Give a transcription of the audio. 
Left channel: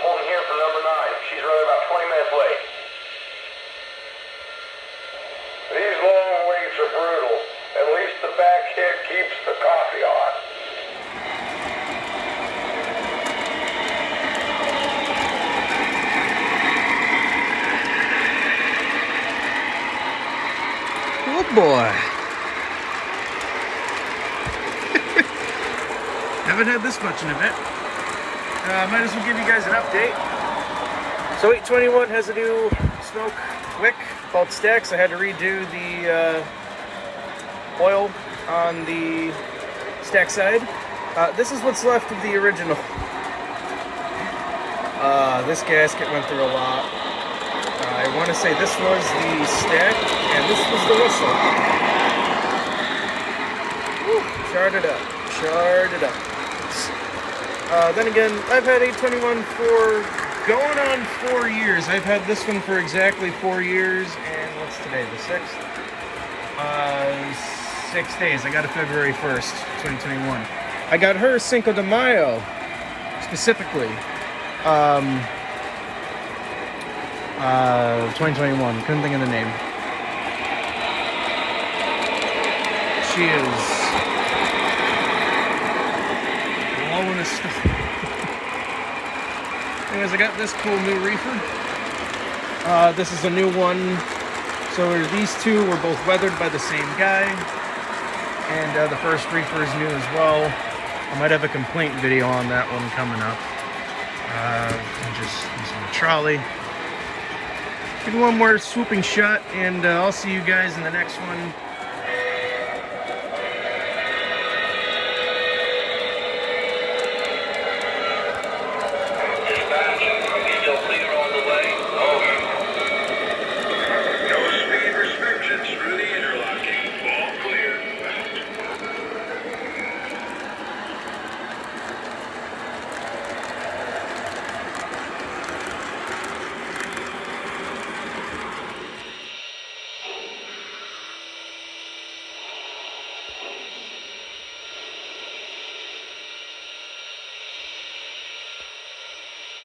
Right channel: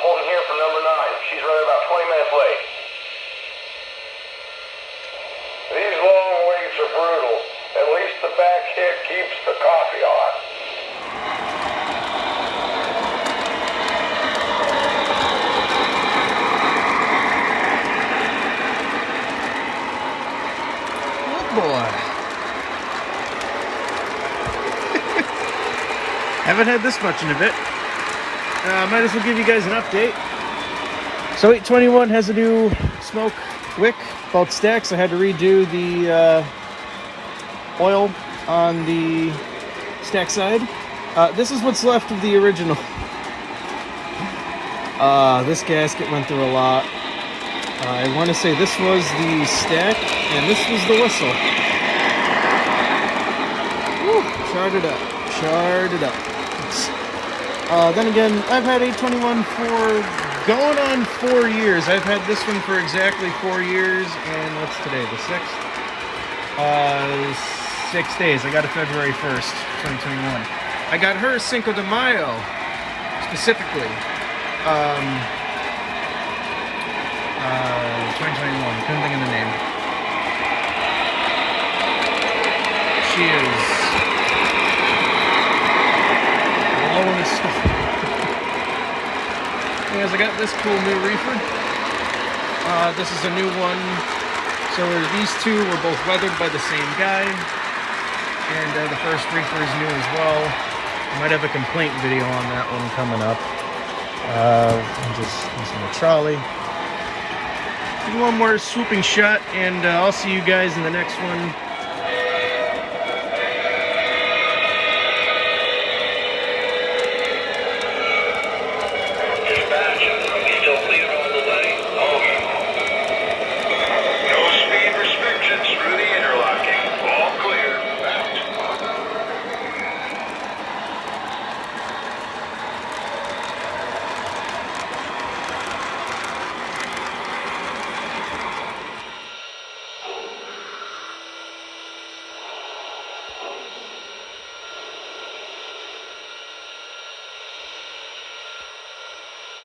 holding here for number 9. She's running about 20 minutes late. These long waits are brutal. At least the back hit keeps the coffee on. Oh boy. Haven't had this much in a bit. Might as well give you guys an update. So 821 has a new smoke wick, both stacks. I had to redo the oil on the stack side. This is what's left of the original. This gasket went through a lot. I want to say this was the stack, and this was the whistle. Woo, charred it up, charred it up. Then again, I've had 821 for going on 4 years. I've had this one for exactly 4 years, and what's today, the 6th? 6 days. I got it February 1st, 2021. I got her Cinco de Mayo, specifically. 2021. Couldn't think of the name. She is blowing this stuff. Anyways, I got this cool new reefer. This is a new one. So these two were both weathered by the same guy. And the first reefer is new as well. I might have a complaint video on that one coming up. I'm just using the trolley. Do one more swooping shot, and I'll see you guys in the next one.